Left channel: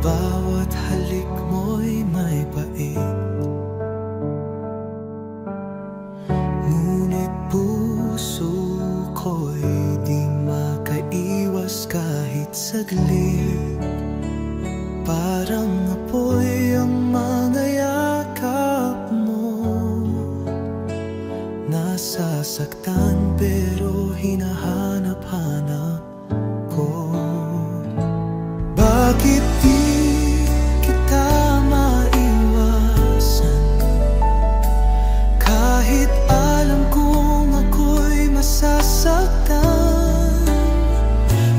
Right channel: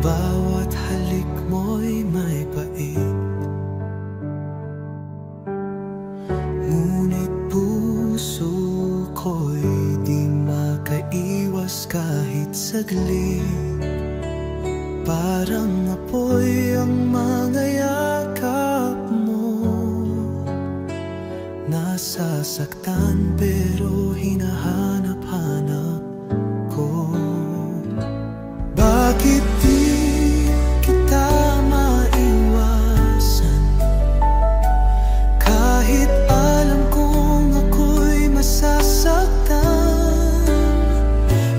Bawat halik mo'y may pait, ngunit puso ko'y di makaiwas kahit saglit. Parang apoy ang mga yakap mo, nasasaktan pero hinahanap-hanap ko. Bakit di kita maiwasan, kahit alam kong ako'y masasaktan?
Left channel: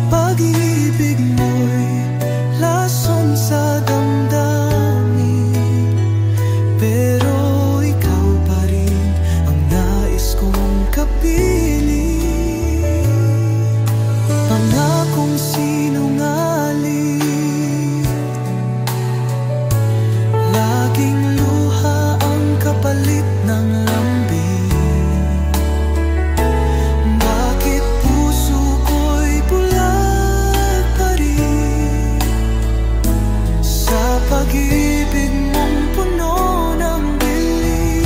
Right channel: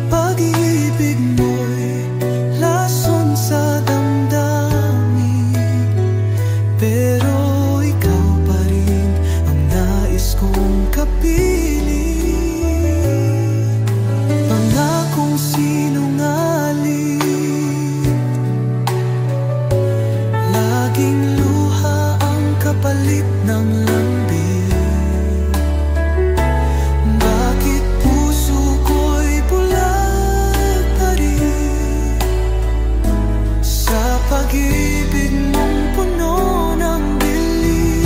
Pag-ibig mo'y lason sa damdamin, pero ikaw pa rin ang nais kong kapiling. Pangakong sinungaling, laging luha ang kapalit ng lambing. Bakit puso ko'y bulag pa rin sa pag-ibig mong puno ng bili?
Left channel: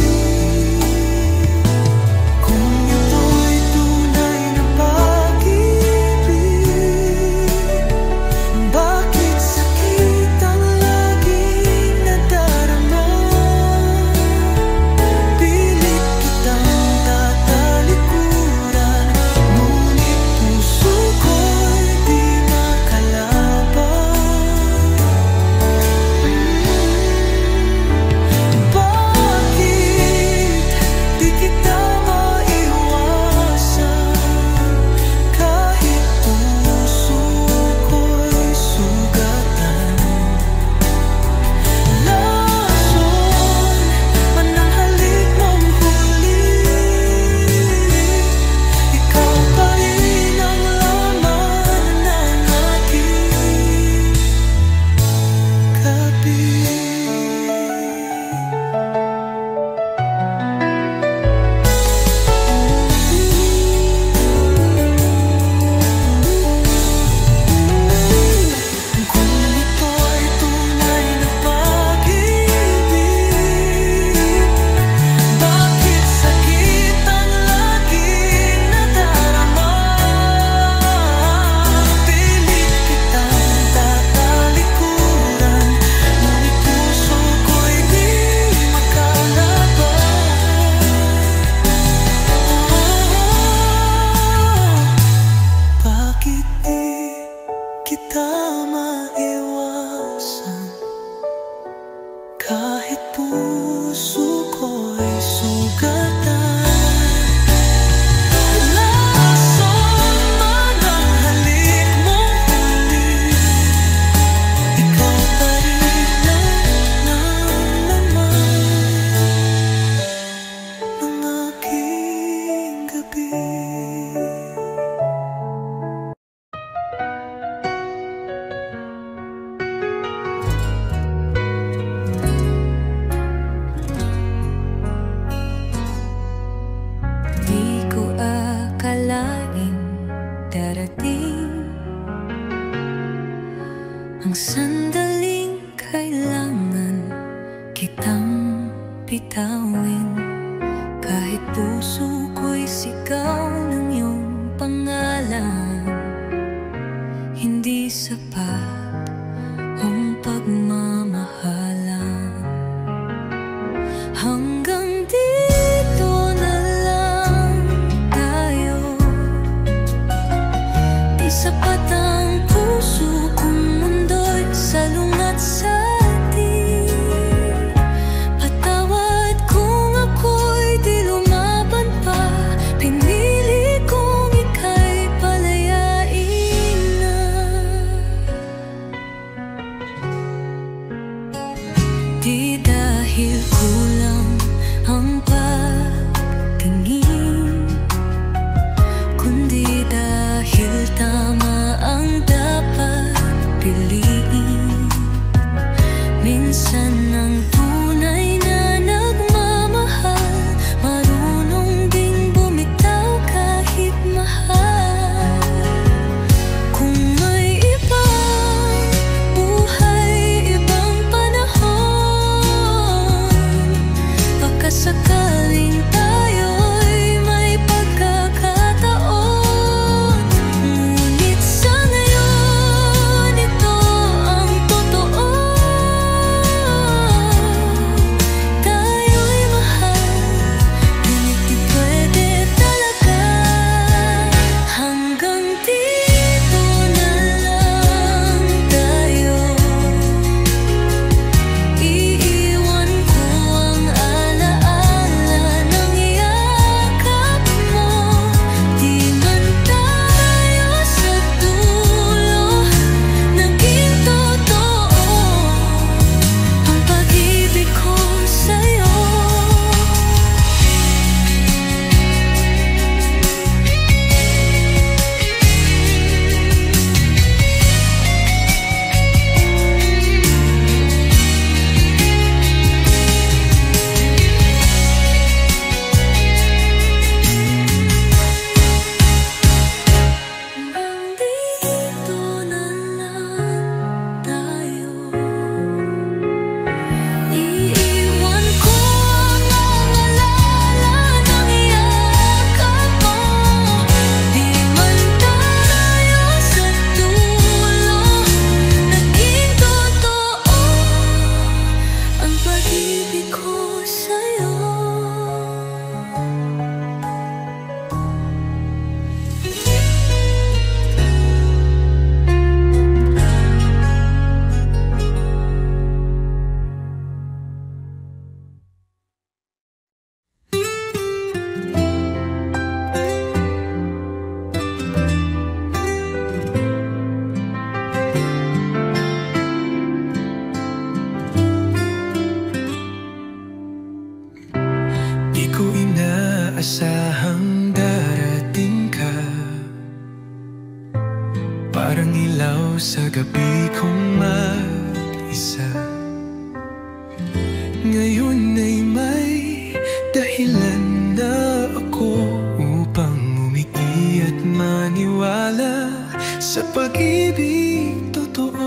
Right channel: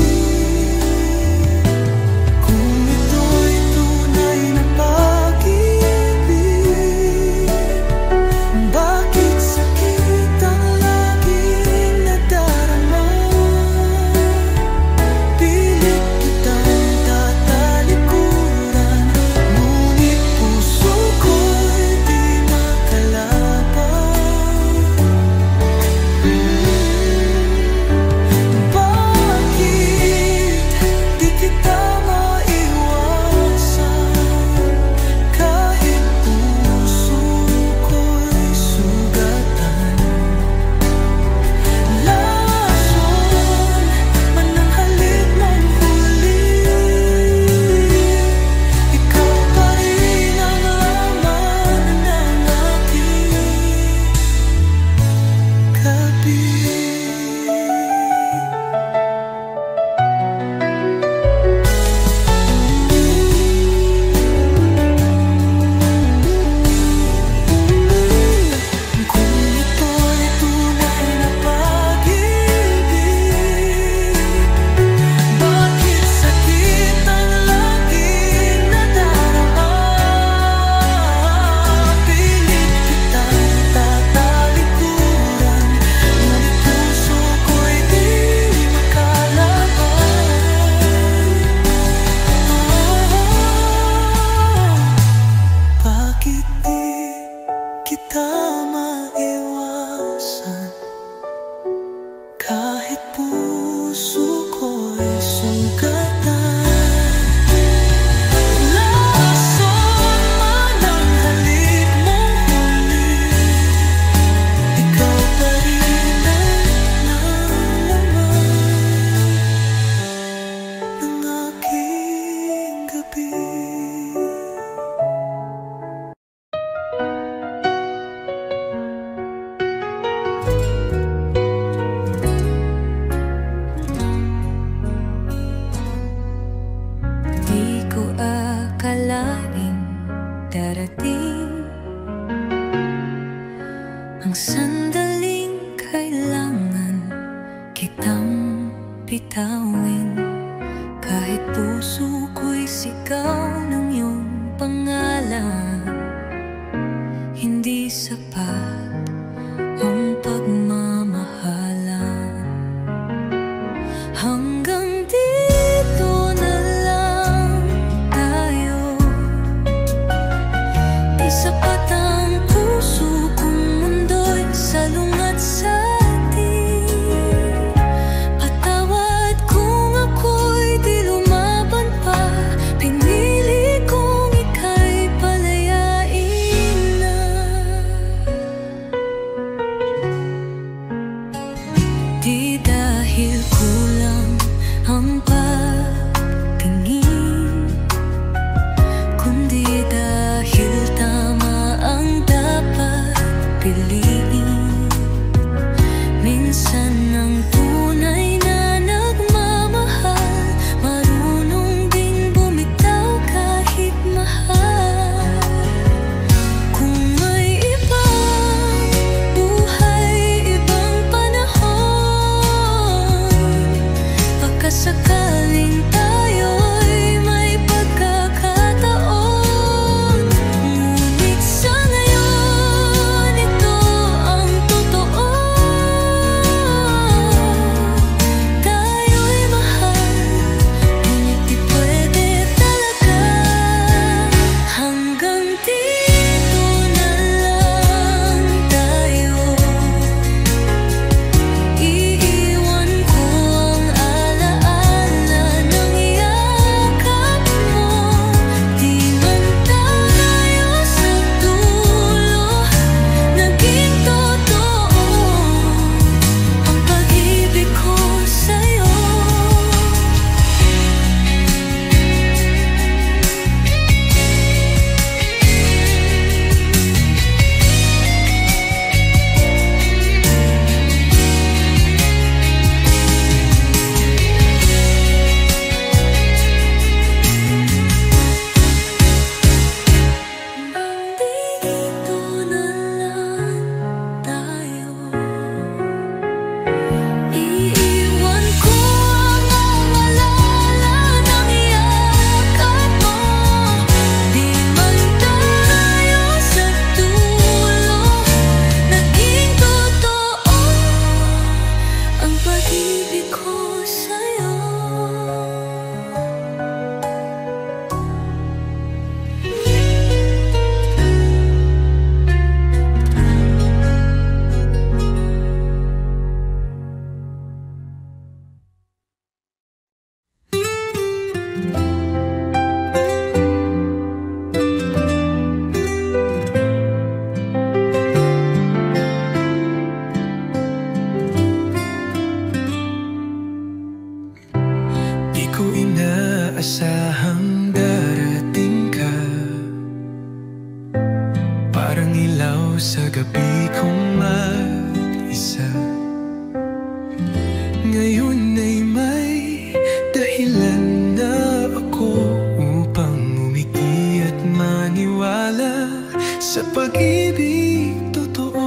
Kung ito'y tunay na pag-ibig, bakit sakit ang laging nadarama? Pilit kitang tatalikuran, ngunit puso ko'y di makalaban. Bakit di kita maiwasan, kahit puso ko'y sugatan? Lason man ang halik mong huli, ikaw pa rin ang laman ng aking gabi. Kung ito'y tunay na pag-ibig, bakit sakit ang laging nadarama? Pilit kitang tatalikuran, ngunit puso ko'y di makalaban. Bakit di kita maiwasan, kahit puso ko'y sugatan? Lason man ang halik mong huli, ikaw pa rin ang laman ng aking gabi. Di ko akalain darating ang sandaling kailangan kitang bitawin. Kahit puso ko'y sigaw ng iyong pangalan, hindi sapat ang pagmamahalan. Hanggang dito na lang tayo, di sapat ang puso kong mundo'y salungat sa atin. Patawad kung ako'y di lumaban pa, pinili kong ika'y palayain na. Di dahil kulang ang pagtingin, kundi dahil tama ang dapat piliin. Minsan ang tunay na nagmamahal marunong din inasahang darating ka, parang ilaw sa gabi kong mag-isa. Ngayon ay may dahilan na ako upang umiti at maniwala sa pag-ibig totoo.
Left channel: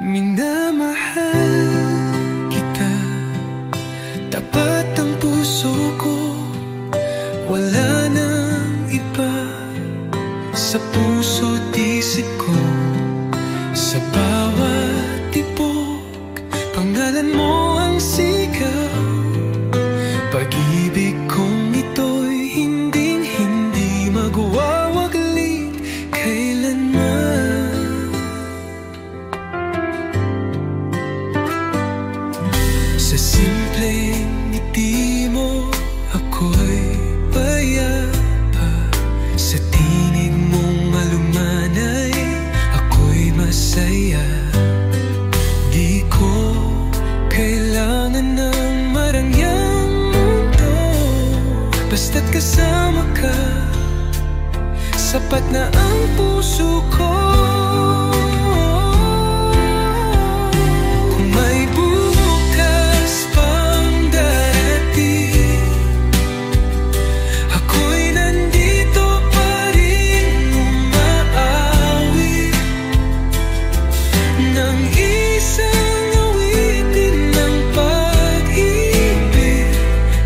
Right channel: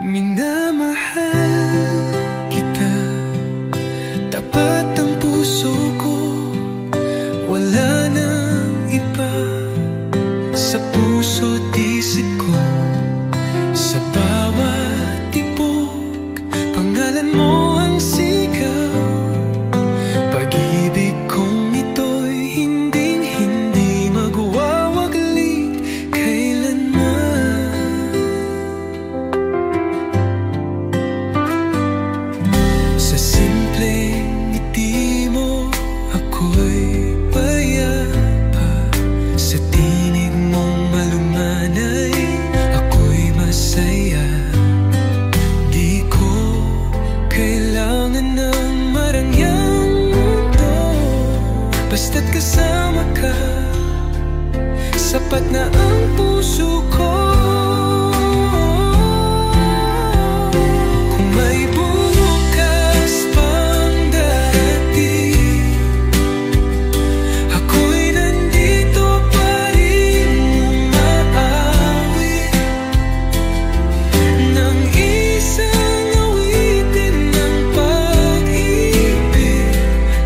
Minamahal kita, tapat ang puso ko, wala nang iba sa puso't isip ko. Sa bawat tibok, pangalan mo ang sigaw. Pag-ibig kong ito'y hindi magwawaglit kailanman. Sa simpleng ngiti mo ako'y payapa, sa tinig mong malumanay ako'y masaya. Di ko kailangan ng marangyang mundo, basta't kasama ka, sapat na ang puso ko. Kung may bukas pang darating, ako'y nandito pa rin umaawit ng isang awitin ng pag-ibig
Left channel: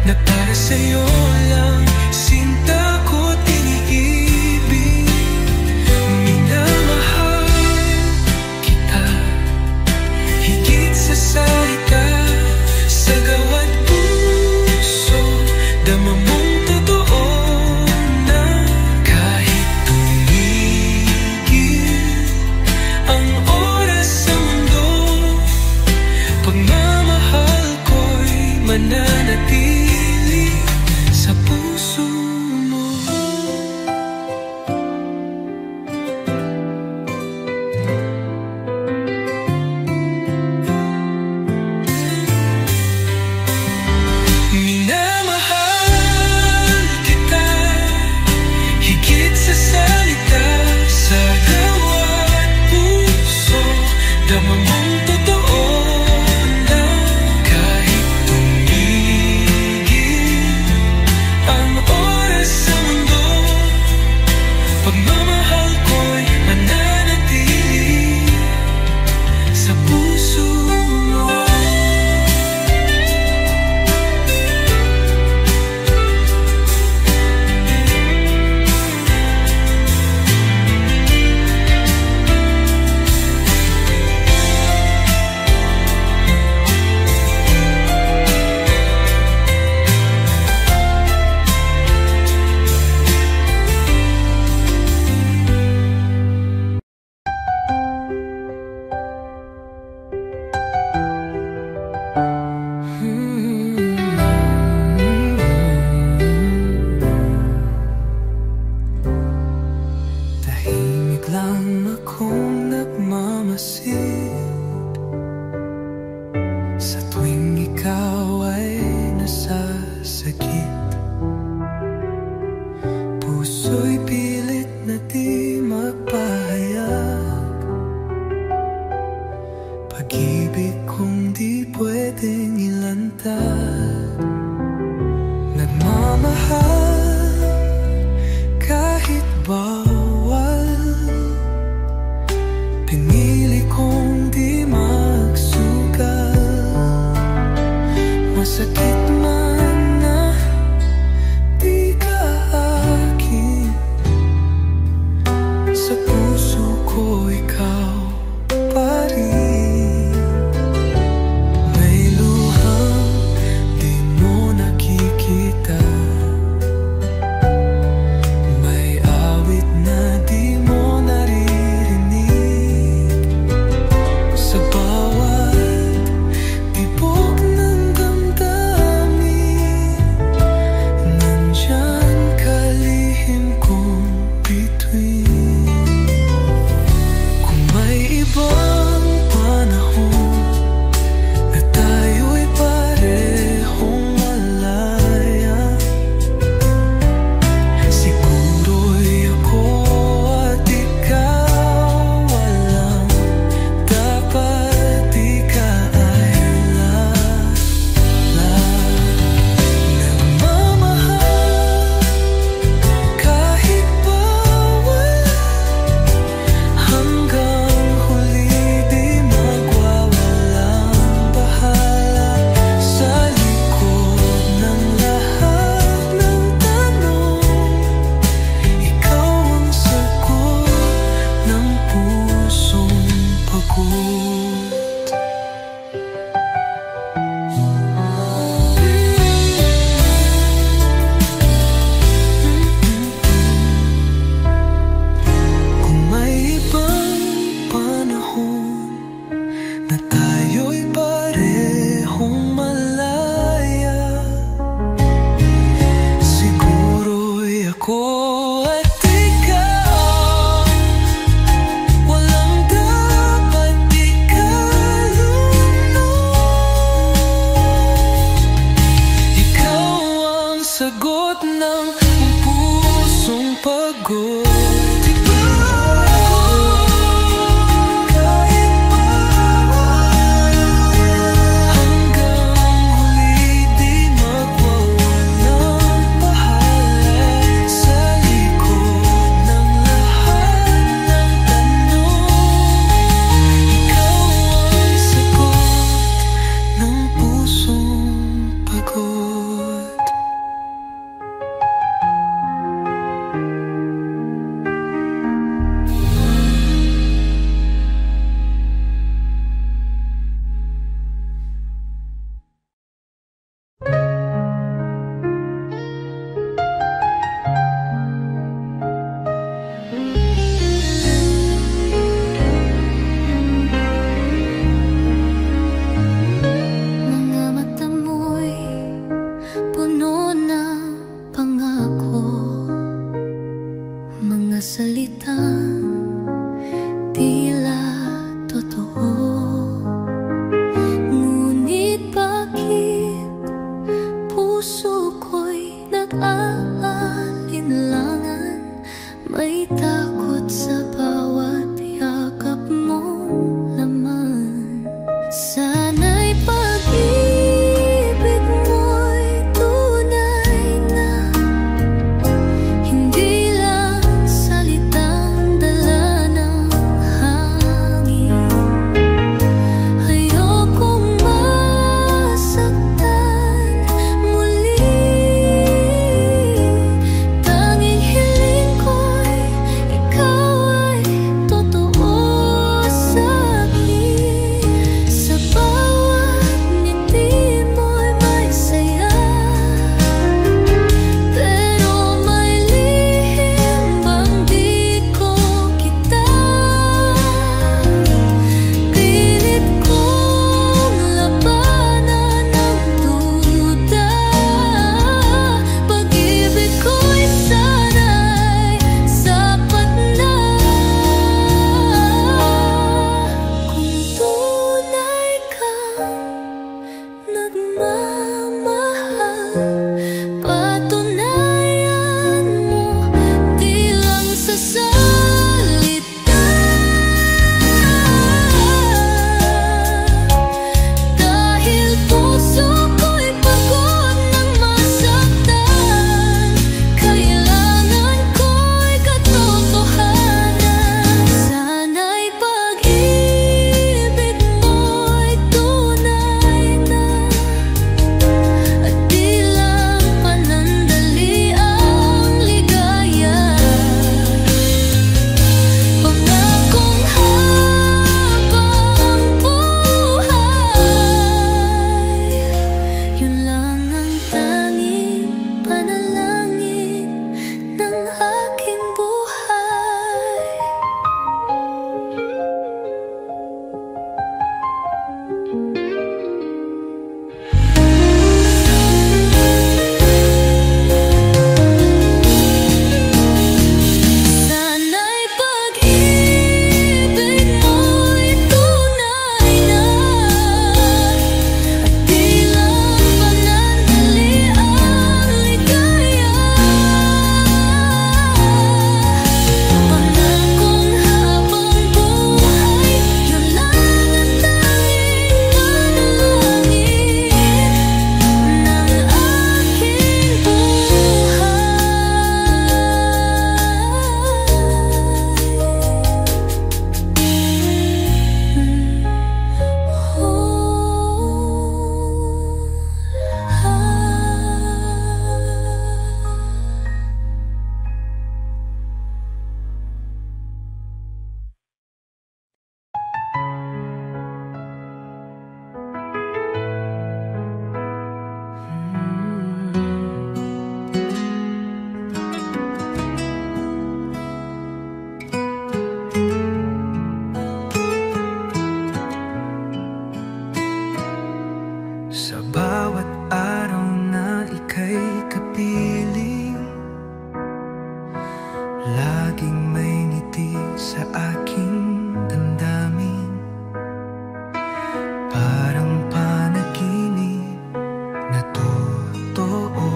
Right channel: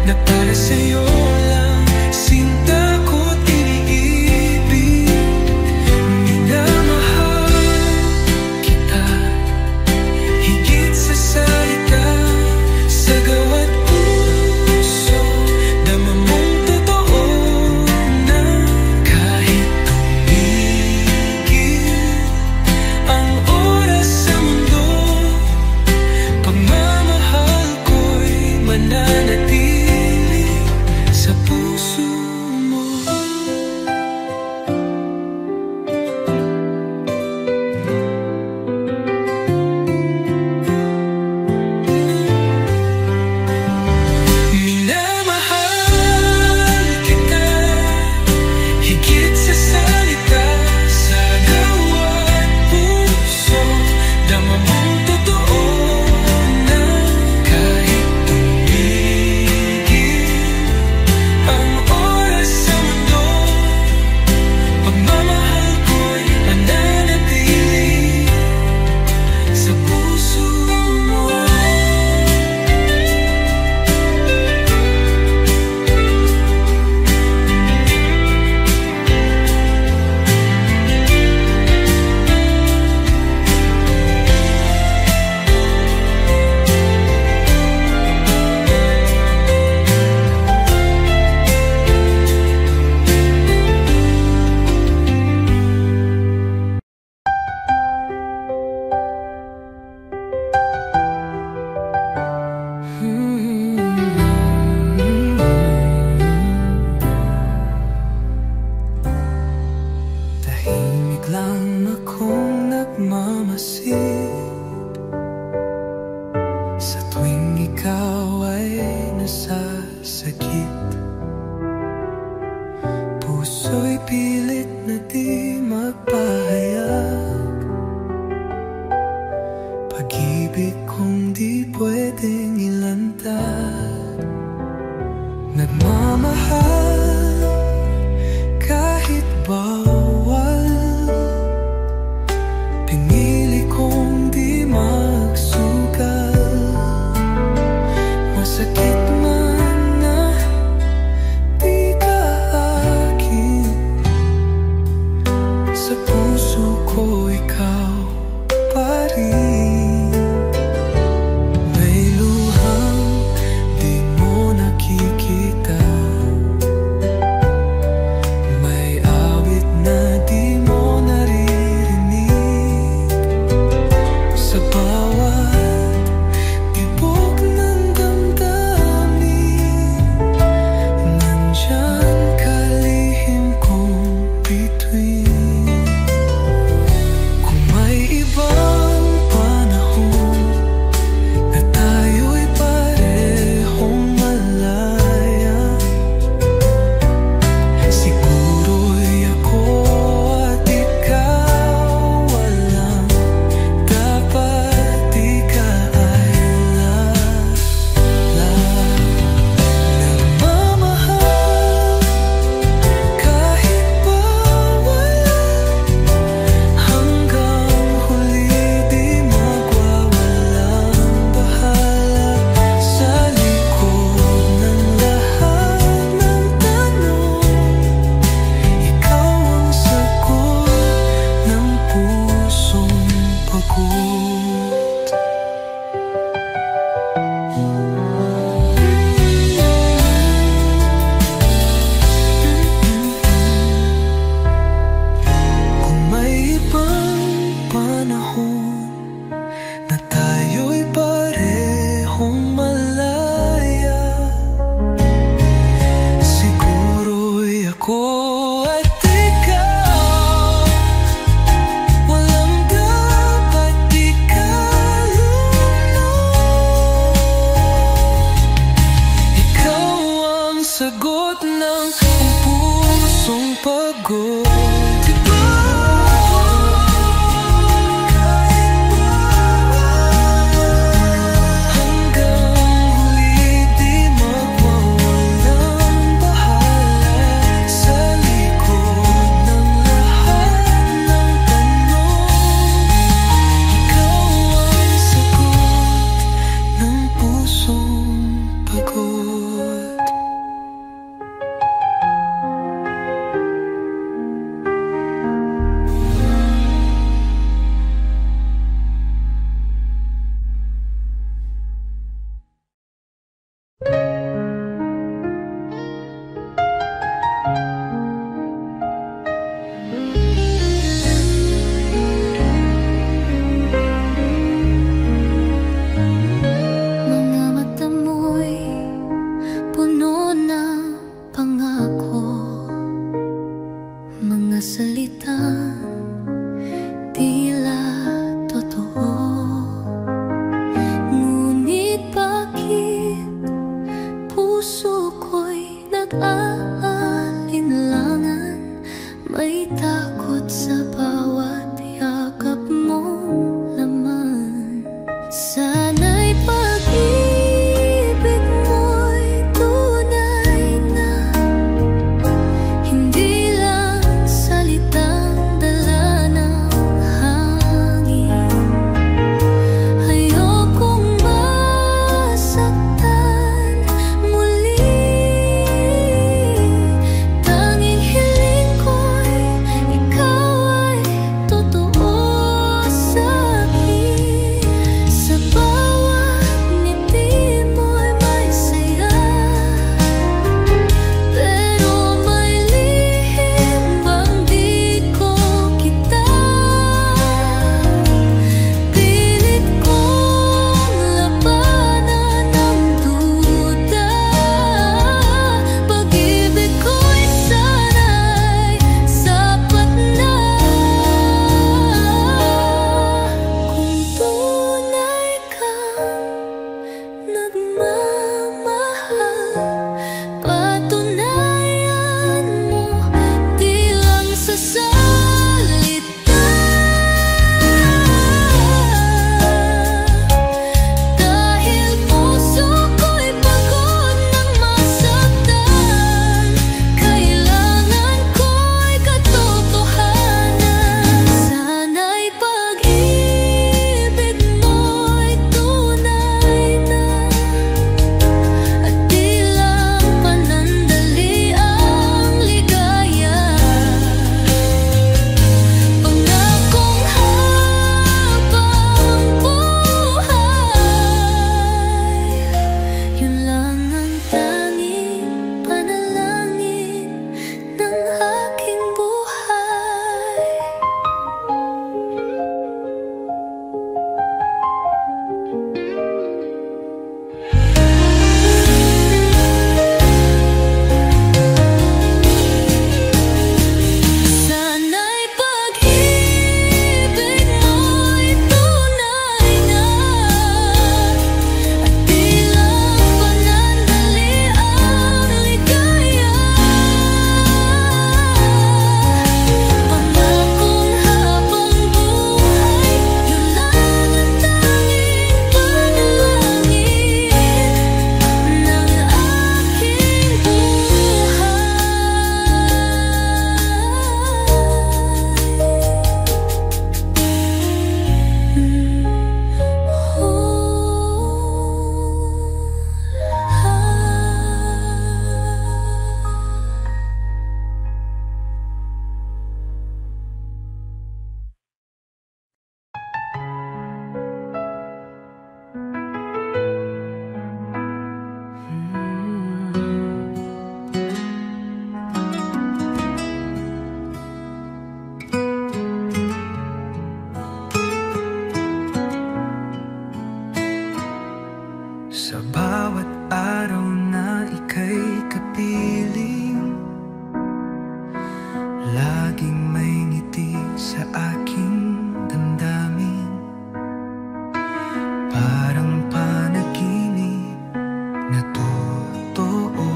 na para sa'yo lang, sinta ko tiniibig. Minamahal kita, higit sa salita, sa gawa't puso, dama mong totoo na kahit tumigil ang oras sa mundo, pagmamahal ko'y mananatili sa puso mo. Minamahal kita, higit sa salita, sa gawa't puso, dama mong totoo na kahit tumigil ang oras sa mundo, pagmamahal ko'y mananatili sa puso mo. Tahimik lang akong nagmamasid sa tuwing ikaw ay nasasakit. Puso'y pilit na di mapahayag, pag-ibig kong di pwedeng ilantad. Nagmamahal kahit bawal, pinili kong di magsugal. Masakit man na di ka akin, sa puso ko ikaw pa rin. May luhang di mo nakikita, may awit na di mo naririnig, sa bawat tibok ng damdamin pagod. Kung may ibang panahon na tayo'y parehong malaya, siguro'y ako at ikaw walang dapat ikalulong. Ikaw ang sagot ng pusong pagod. Sa bawat araw na ika'y kapiling, laging may ngiti sa aking damdamin. Parang panaginip na totoo,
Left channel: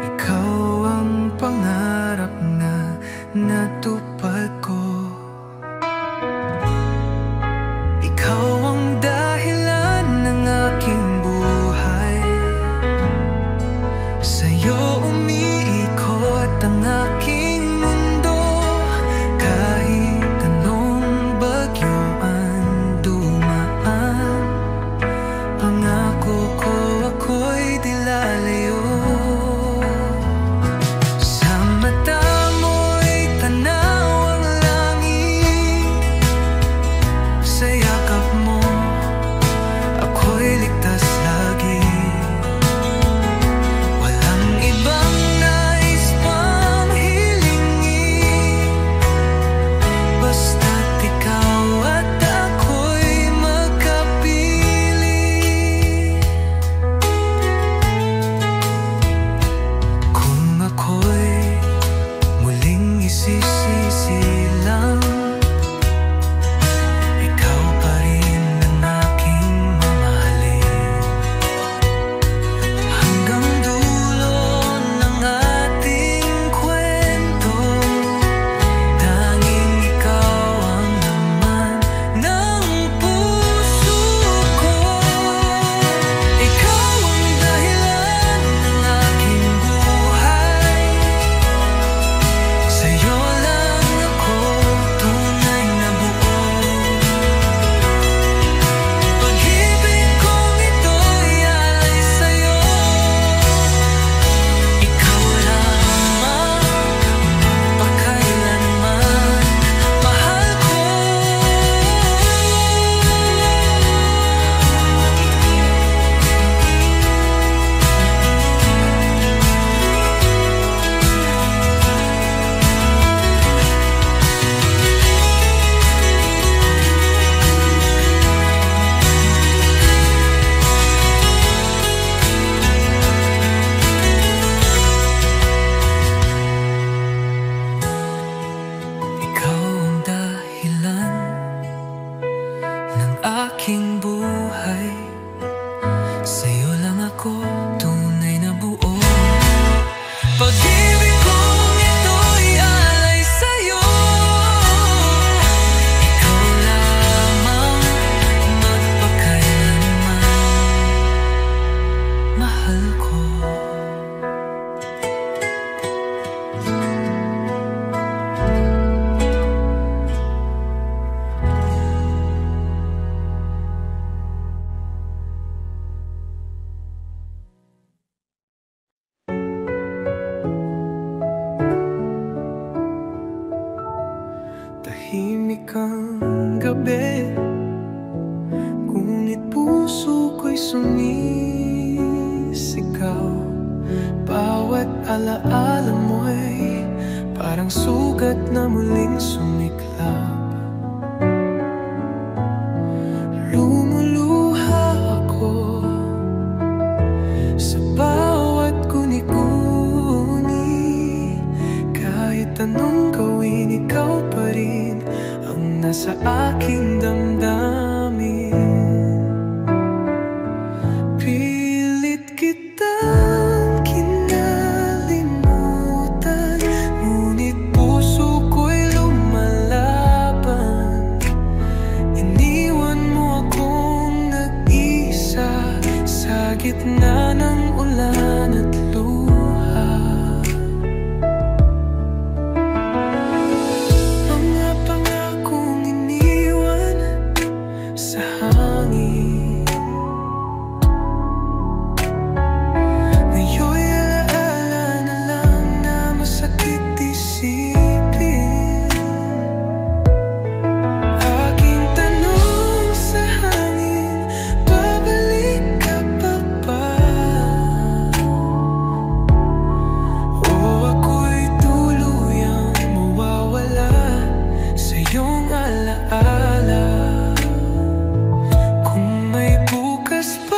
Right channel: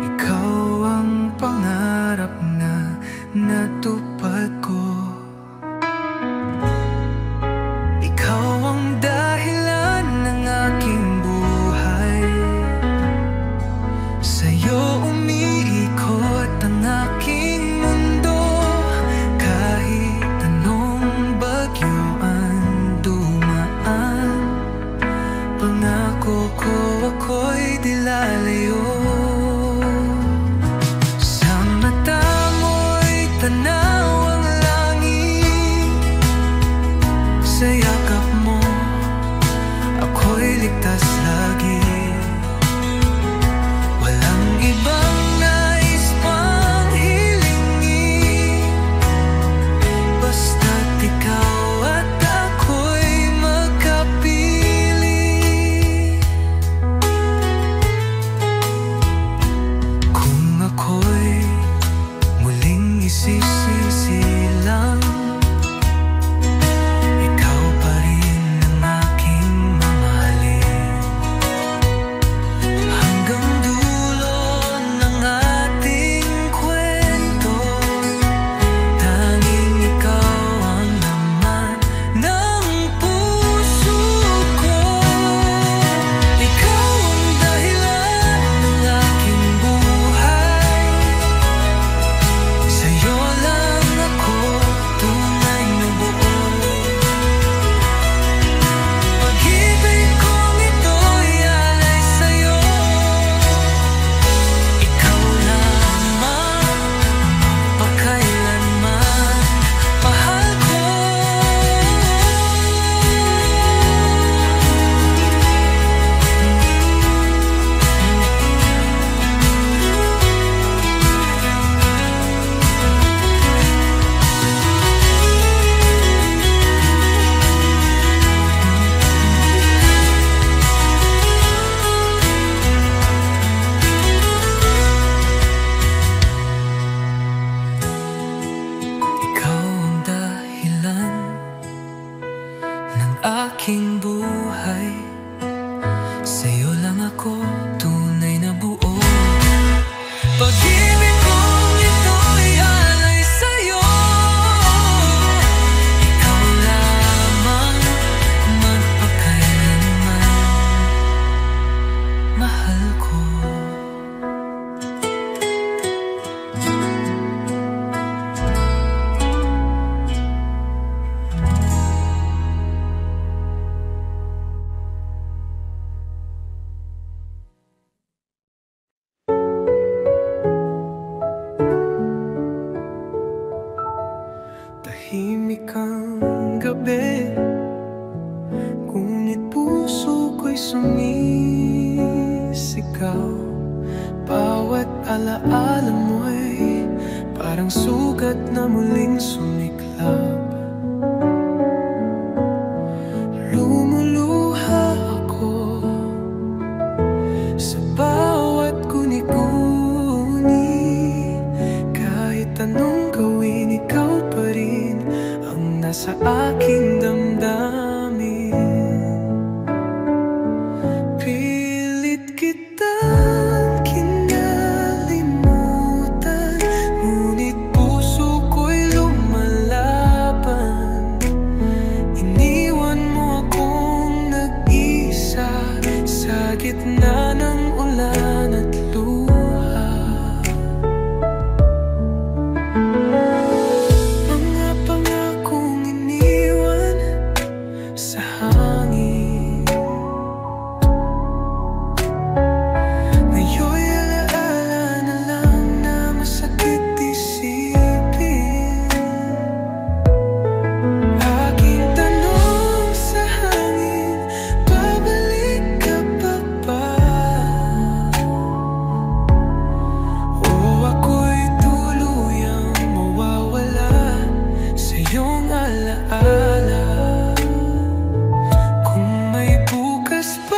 ikaw ang pangarap na natupad ko. Ikaw ang dahilan ng aking buhay, sa'yo umiikot ang aking mundo. Kahit anong bagyo ang dumaan, pangako ko ako'y di lalayo. Sa mata mo'y tanaw ang langit, sa yakap mo ako'y ligtas lagi. Walang ibang nais pang hilingin, basta't ikaw at ako'y magkapili. Kung ako'y muling isisisilang, ikaw pa rin ang aking mamahalin. Hanggang dulo ng ating kwento, tanging ikaw ang laman ng puso ko. Ikaw ang dahilan ng aking buhay, sa'yo lang ako tunay na buo. Pag-ibig kong ito'y alay sa'yo, ikaw lamang magpakailanman, mahal ko. Ikaw ang dahilan ng aking buhay, sa'yo lang ako tunay na buo. Pag-ibig kong ito'y alay sa'yo, ikaw lamang magpakailanman, mahal ko. Tahimik ang gabi, ngunit puso ko'y sumisigaw. Bawat alaala mo'y parang sugat na muling sumiklab. Lumuluha ako sa bawat guni-guni. Kahit anong gawin, ikaw pa rin ang nasa aking damdamin. Pilit kitang kinalimutan, ngunit puso ko'y lumalaban. Iniwan mo akong nag-isa sa gitna ng ulan at luha. Mga pangakong iniwan sa hangin, ngayon'y alaala na lang na masakit isipin. Aking tanong sa hangin, babalik ka pa ba? O ako'y tuluyang mawawala sa iyong alaala? Kung may bukas pa,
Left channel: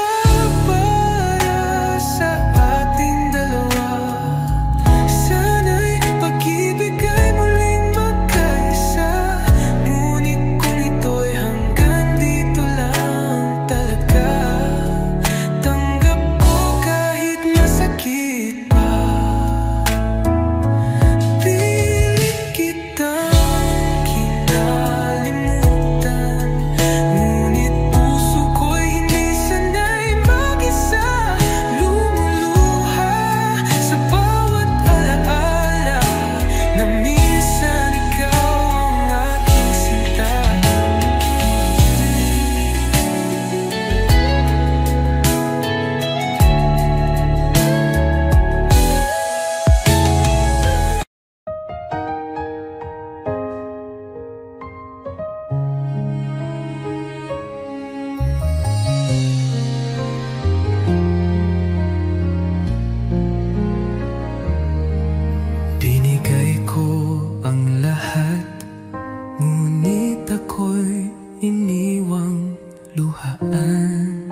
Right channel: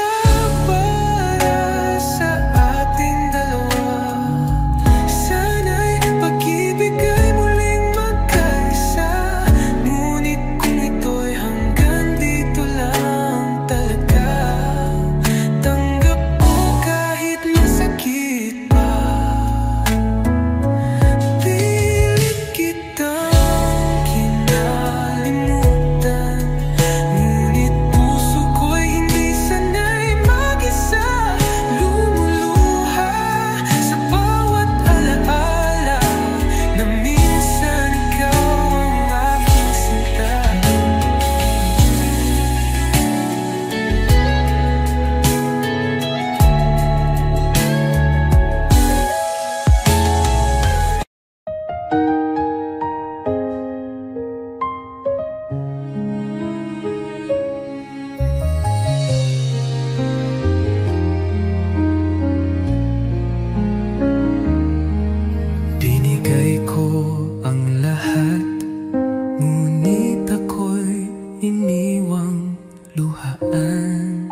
ako'y iniwang luhaan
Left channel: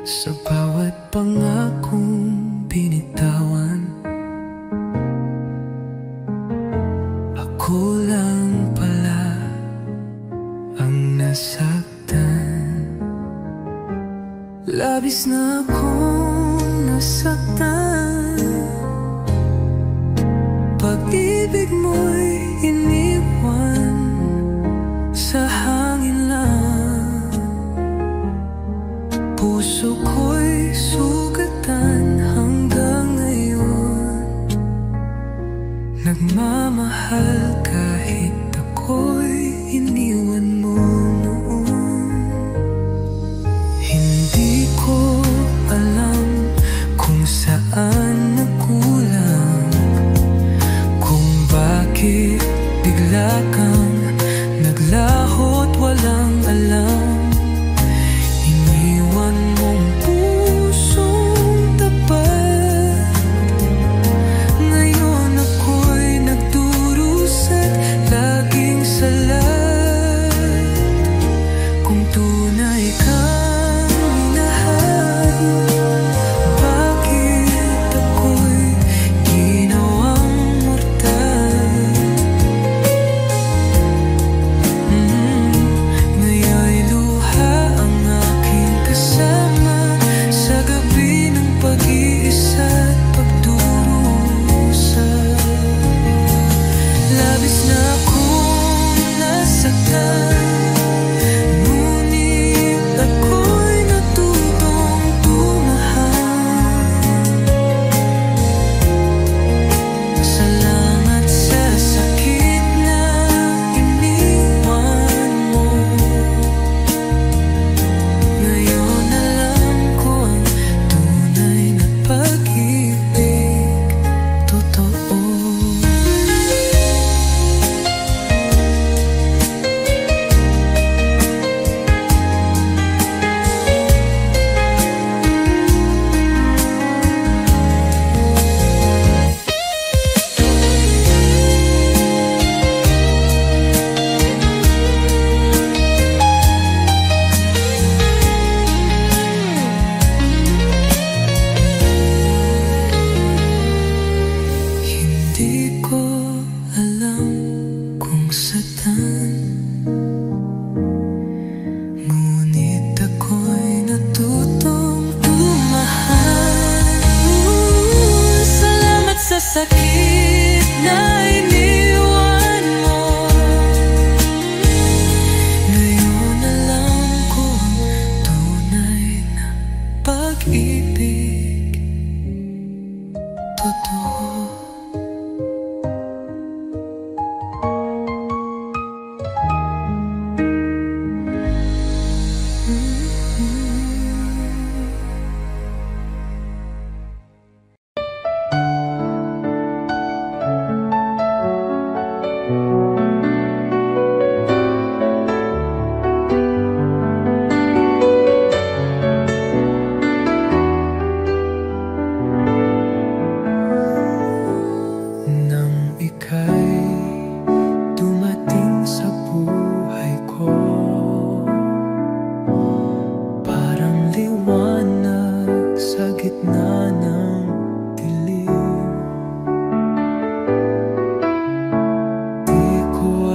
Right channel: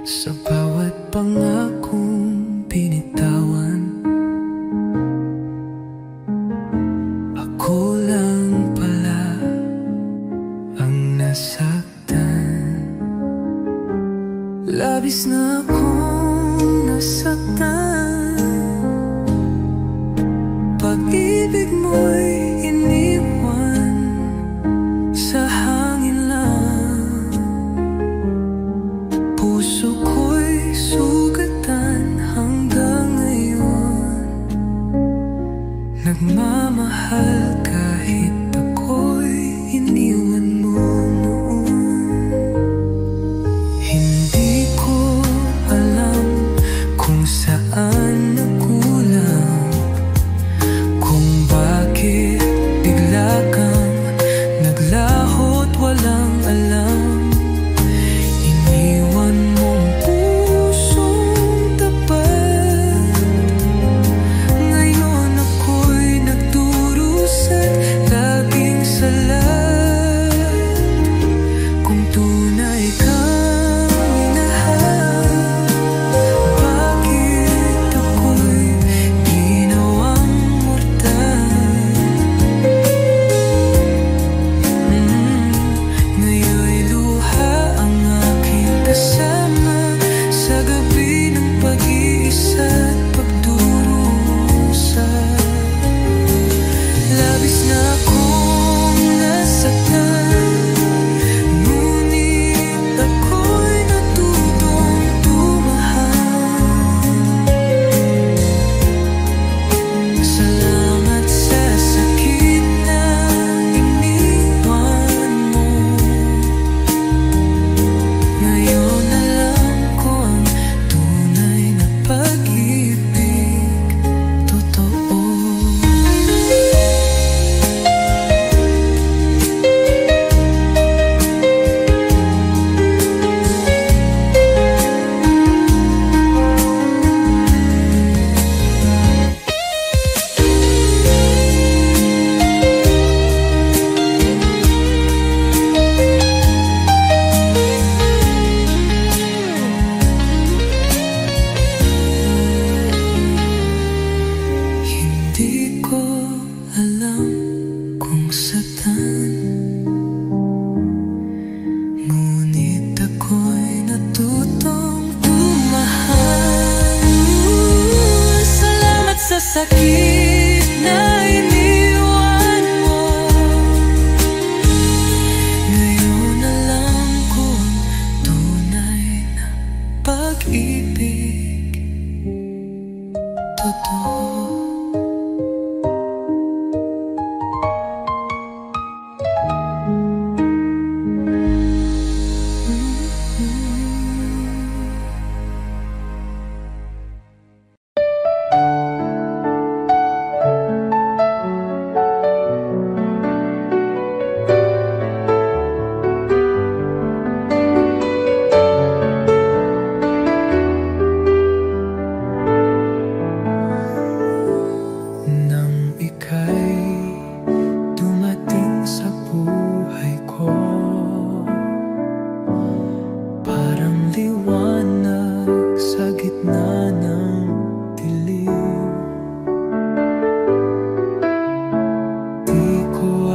sa bawat pangakong binitawan. Ako lang pala ang nasaktan. Labis na akong nasaktan. Pag-ibig mo'y iniwan sa hangin lang. Puso ko'y sugatan hanggang ngayon. Nagmamahal kahit ako'y iniwan mo noon. Hindi ko alam kung saan nagkulang, kung bakit bigla kang naglaho't walang alam. Iniwan mong pusong tapat. Ngayon ako'y nagdurusa't laging salat. Kung tunay kang minahal, bakit ako'y ginawang mortal? Ngayon'y luha ang aking kasama sa gabi ng pag-iisa't pagdurusa. Labis na akong nasaktan, ngunit ako'y natutong tumahal. Salamat sa sakit na iniwan mo. Ngayon alam ko ang tunay na pag-ibig, totoo. Hindi ko alam kung saan, ngunit ako'y natutong tumahal. Salamat sa sakit na iniwan mo. Ngayon alam ko ang tunay na pag-ibig, totoo. Nang ika'y dumating sa buhay ko, parang liwanag sa gitna ng dilim. Di ko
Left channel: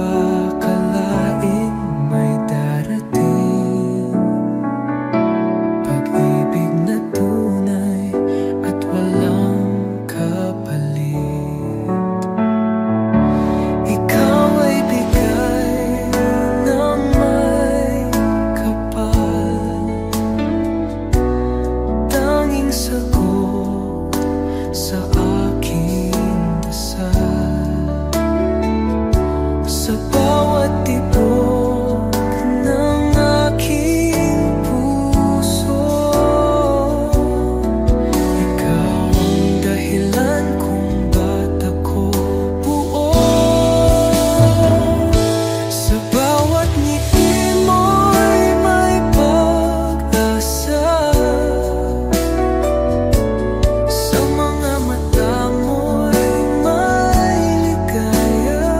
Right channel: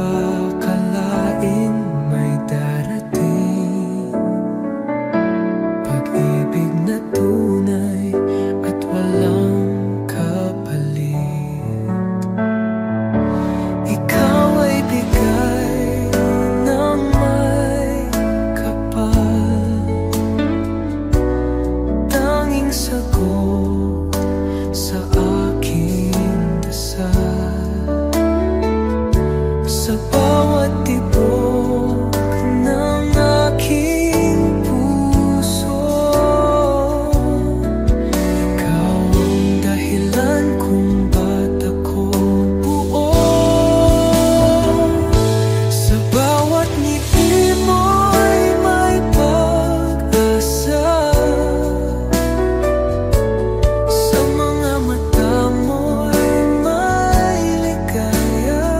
akalain may darating pag-ibig na tunay at walang kapalit. Ikaw ay bigay ng may kapal, tanging sagot sa aking dasal. Sa bawat tibok ng aking puso, ikaw ang dahilan kung ba't ako buo. Sa bawat ngiti mo'y may pag-asa, sa mga mata mo'y may ligaya.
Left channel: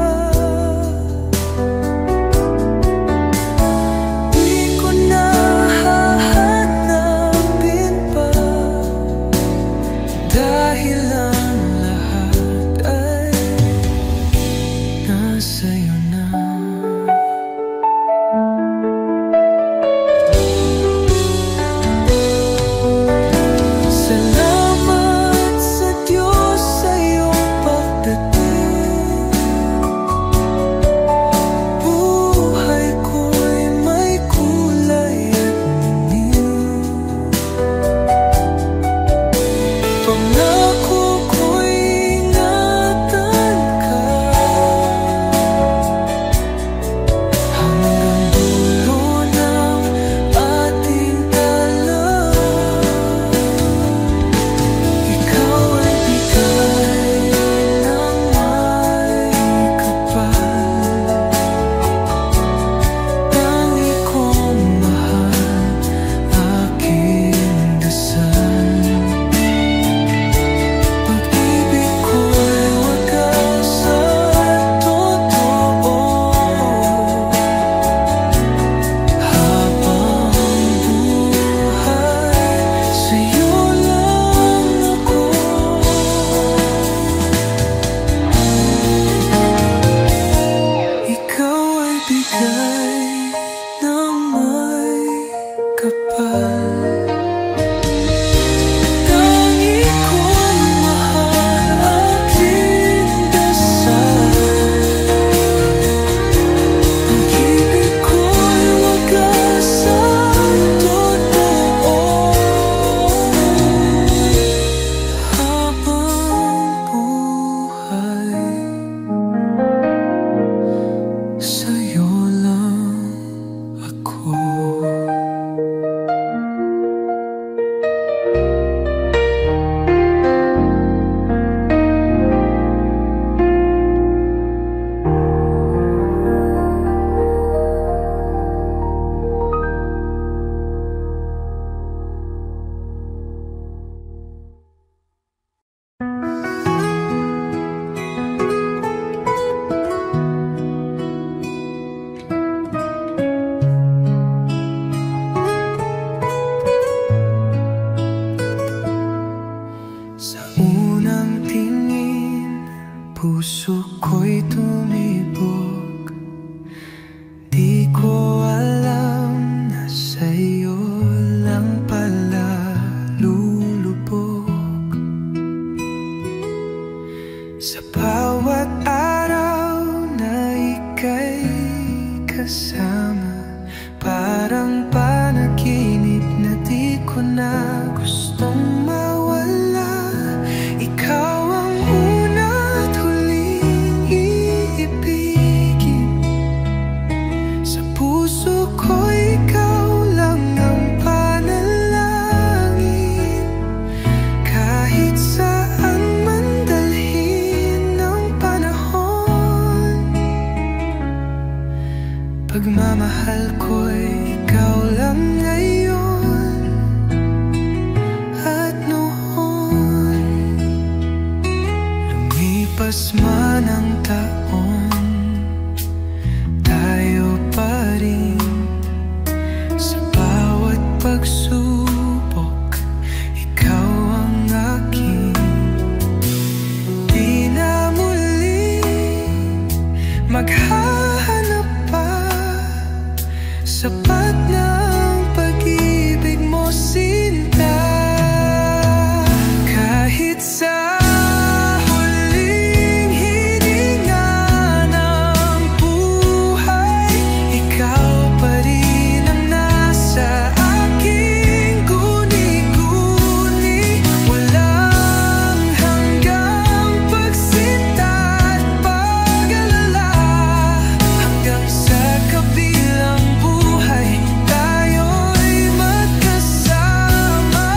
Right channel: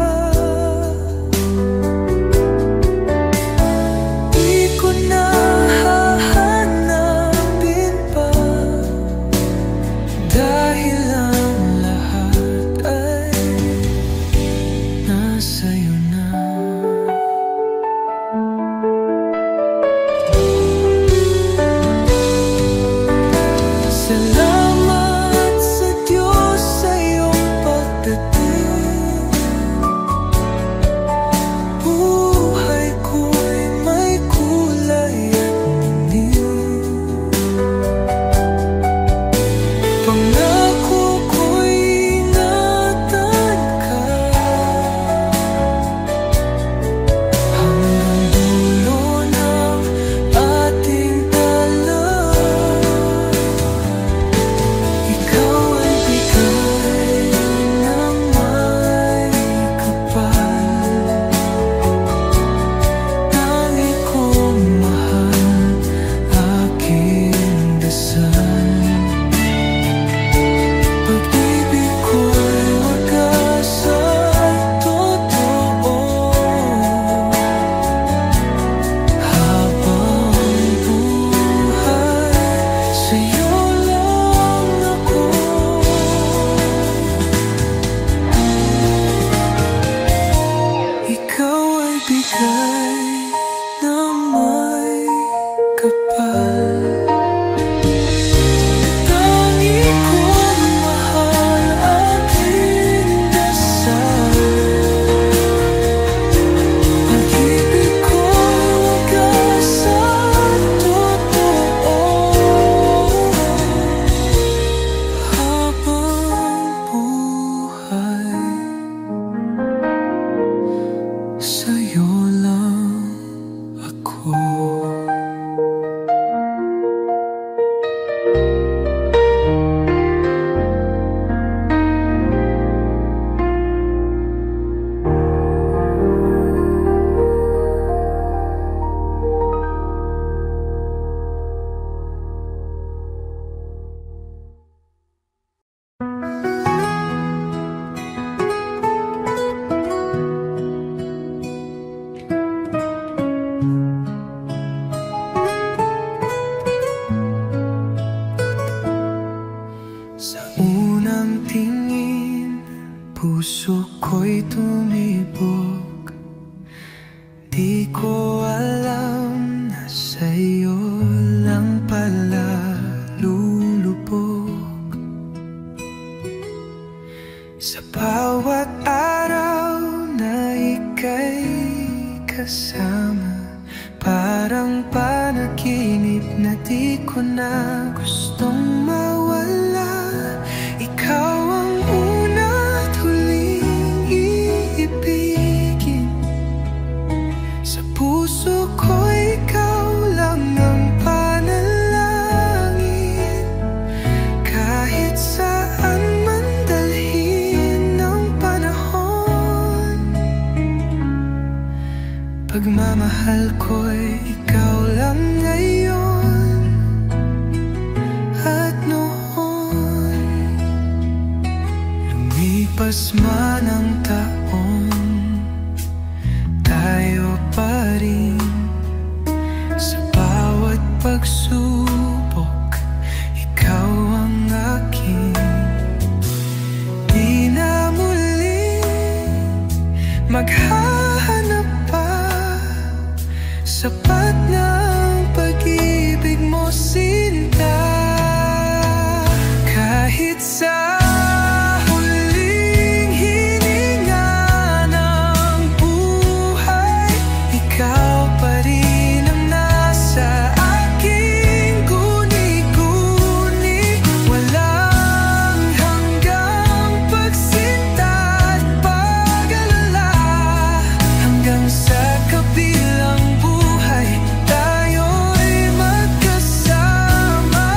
Pangako ko'y ingatan ka hanggang dulo ng ating dalawa. Ikaw ay bigay ng may kapal, tangi kong mahal, aking dasal. Pag-ibig ko'y wagas at totoo, habang buhay sa'yo lang ako. Ikaw ay bigay ng may kapal, pag-ibig ko'y wagas at totoo, habang buhay sa'yo lang ako. Sa unang tingin, puso ko'y tumibok. Di ko alam na sa'yo lang pala lulubog. Sa bawat araw na ika'y kasama, parang panaginip na di ko na gustong mawala. Ikaw ang una't huling iibigin. Sa puso ko ikaw lang ang panalangin. Kahit saan man dalhin ng panahon, pagmamahal ko'y ikaw lang ngayon at noon. Lumipas man ang taon, tayo pa rin. Sa bawat pagsubok, ikaw ang aking. Di na muli maghahanap pa, sapat ng pag-ibig mo, sinta. Kahit sa huling hininga ng buhay, ikaw pa rin ang nasa aking guni-guni. Walang hanggang pagsinta at pag-alala, hanggang sa kabilang buhay tayo'y magkasama.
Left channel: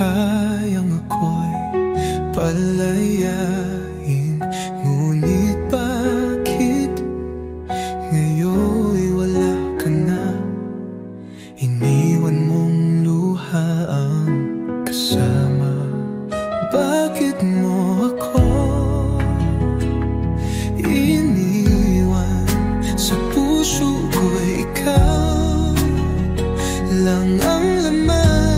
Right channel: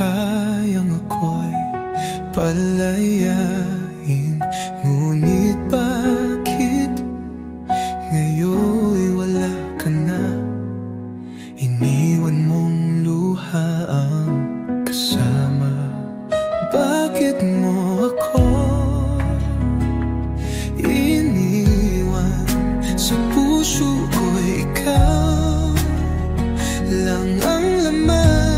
kayang ako'y palayain. Ngunit bakit ngayon'y wala ka na? Iniwan mong luha ang kasama. Bakit mo ako iniwan? Sa puso ko'y ikaw lang ang laman.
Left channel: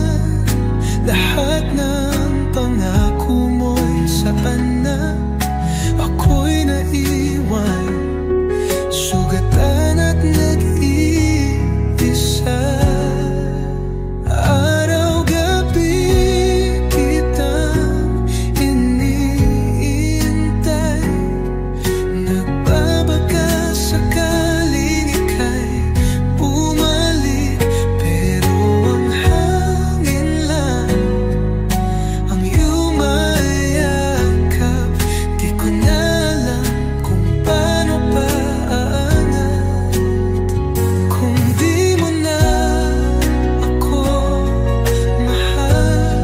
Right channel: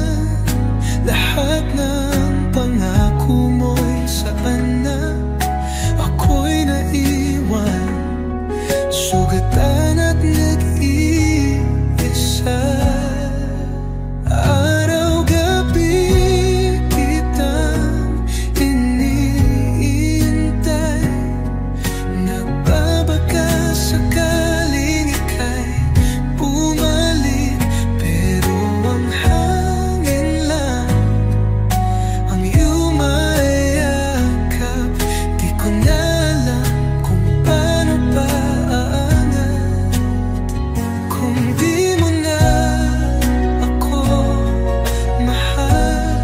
Lahat ng pangako mo'y saan na? Ako'y naiwan, sugatan at nag-iisa. Araw-gabi kitang iniintay. Nagbabaka sakaling ika'y bumalik, pero ang hangin lang ang iyong mayakap. Di ko na alam kung paano pa aangat kung di mo na ako mahal.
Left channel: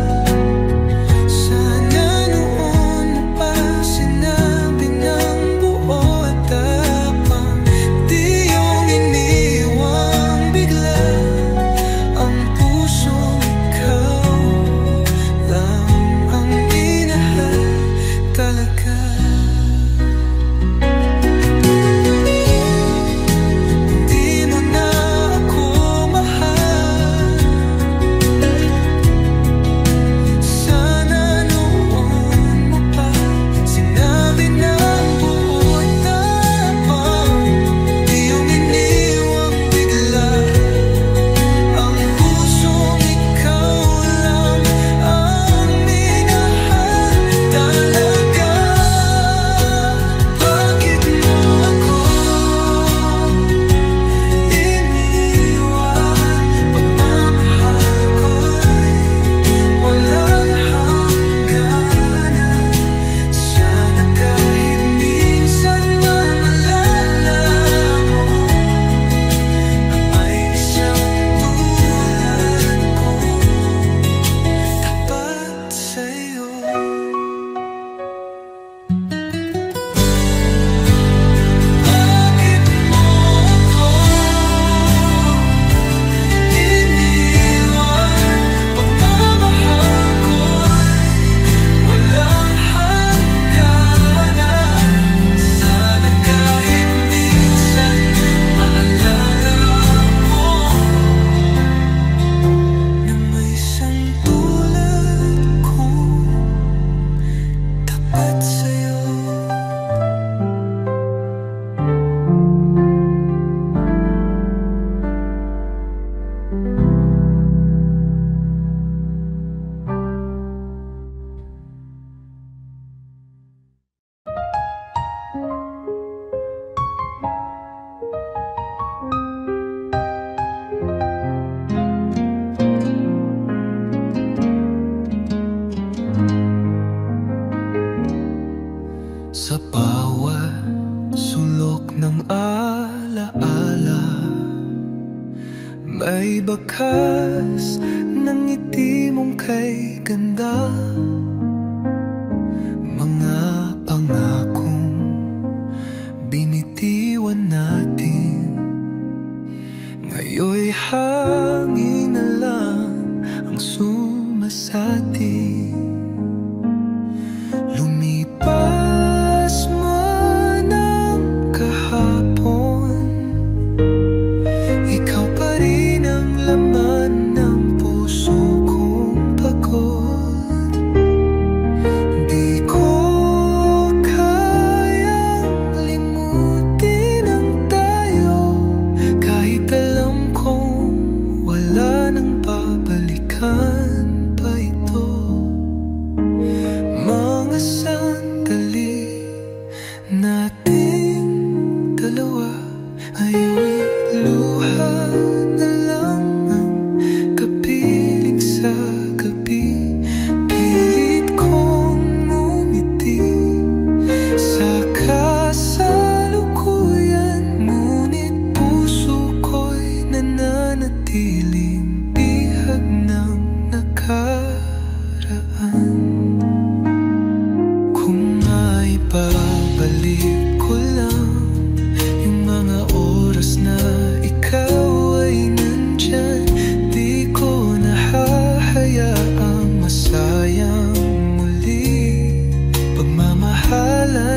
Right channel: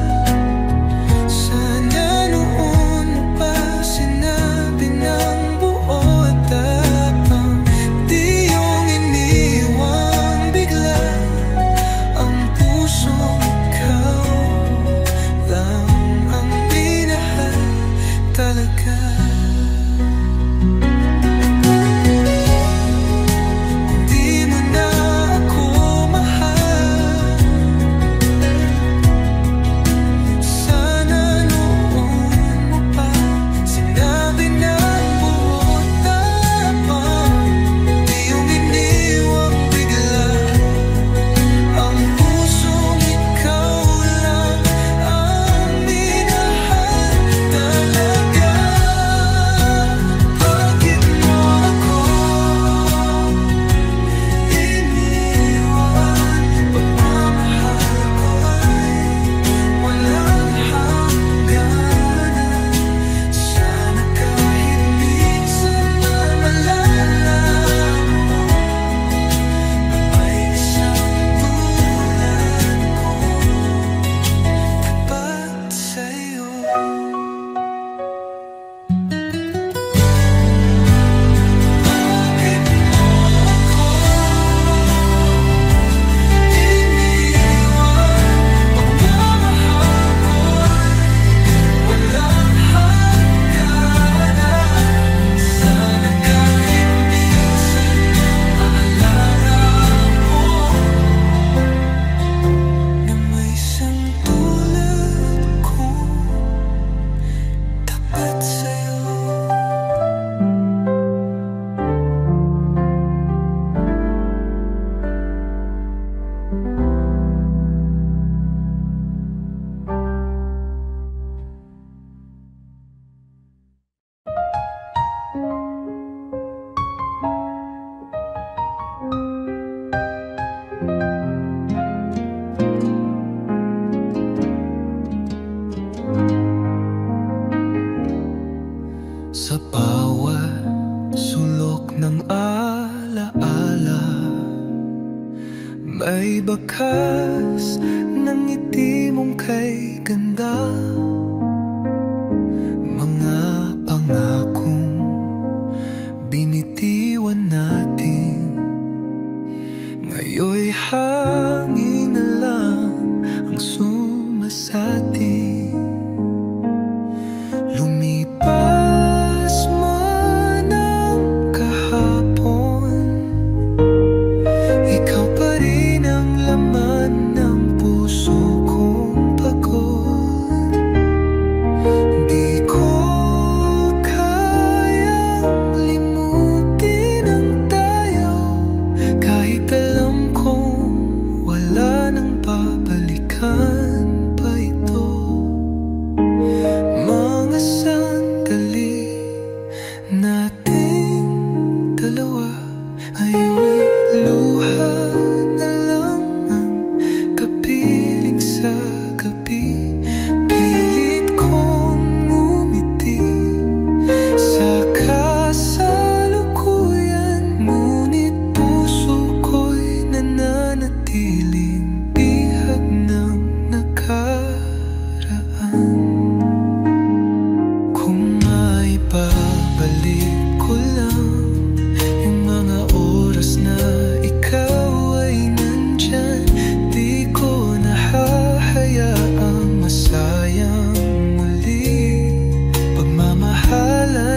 Sana noon mo pa sinabi ng buo at tapang, di yung iniwang bigla ang pusong ikaw lang ang inahal talaga. Kung di mo na ako mahal, sana noon mo pa sinabi ng buo at tapang, di yung iniwang bigla ang pusong ikaw lang ang minahal talaga. Bakit mo ako iniwan? Pagmamahal ko'y walang hangganan. Sana kahit minsan man malala mo na may isang tulad ko tapat sa'yo. Bakit mo ako iniwan? Pagmamahal ko'y walang hangganan. Sana kahit minsan maalala mo na may isang tulad ko tapat sa'yo. Sa bawat sulok ng alaala, may bakas ng ngiti mong kay ganda. Mga pangakong binitiwan natin, ngayon'y hangin na lang ang sumasati. Lumipas man ang kahapon, ikaw pa rin ang laman ng puso kong pagod. Di ko kayang limutin ang tayo, kahit alam kong wala nang babalikan pa ito.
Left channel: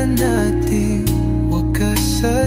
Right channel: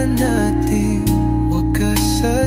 nating wakas sa